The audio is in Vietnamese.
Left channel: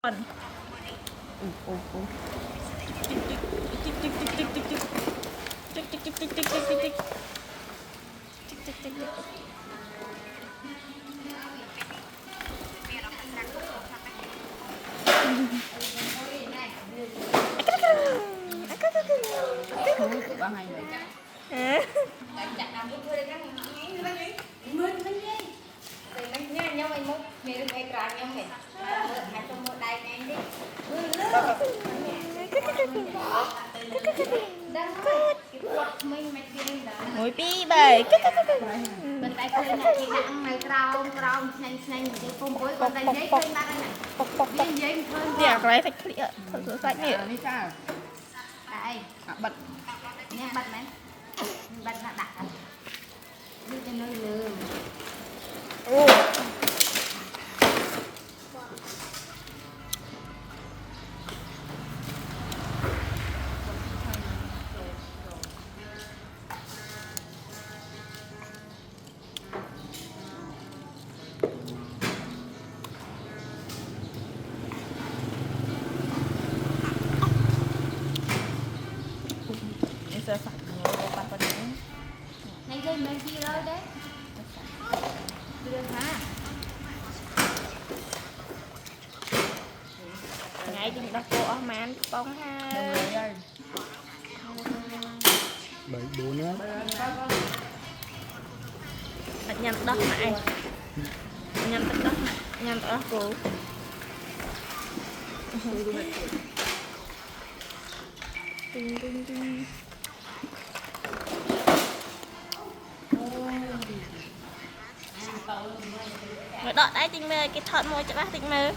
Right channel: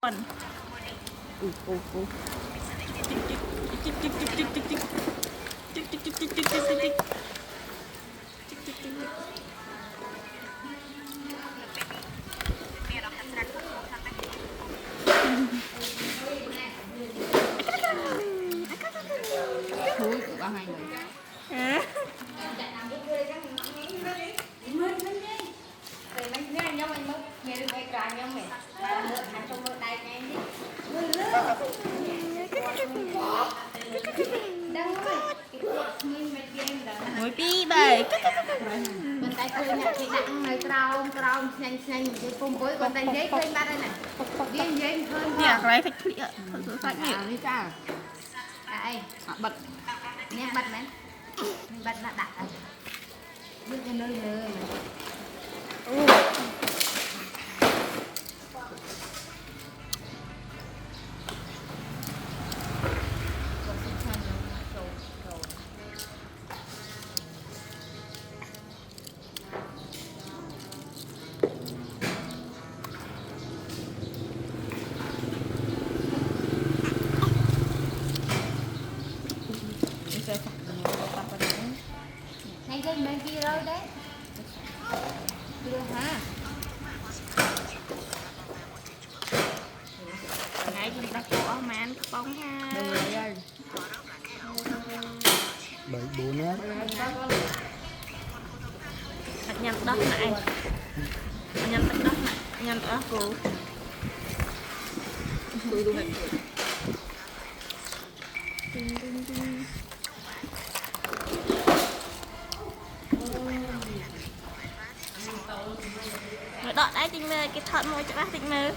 còn Thôi, bao ngày vậy? ngồi pi đây Bên tay khơi nè, chị nặng người trao nhanh cái phun bối bên tay dế khơi ba đây này. Dế khơi. nhà cái thạch khỉ ạ, thạch sạch nhỉ? Đi sao? Đây, bật. Nghe bật đấy. Bật là đặt. Đi cái nơi lừa. Sẽ sạch người ta phải đánh Nhanh lên bên kia rồi đấy. Đưa hả? ngay chúng ta cô ở màn bóng ha Đây. 7 4 á. thạch nhân đất này nhân đất đất nhân ở cô đợi đấy tình mơ cái thợ môi chắc tình mơ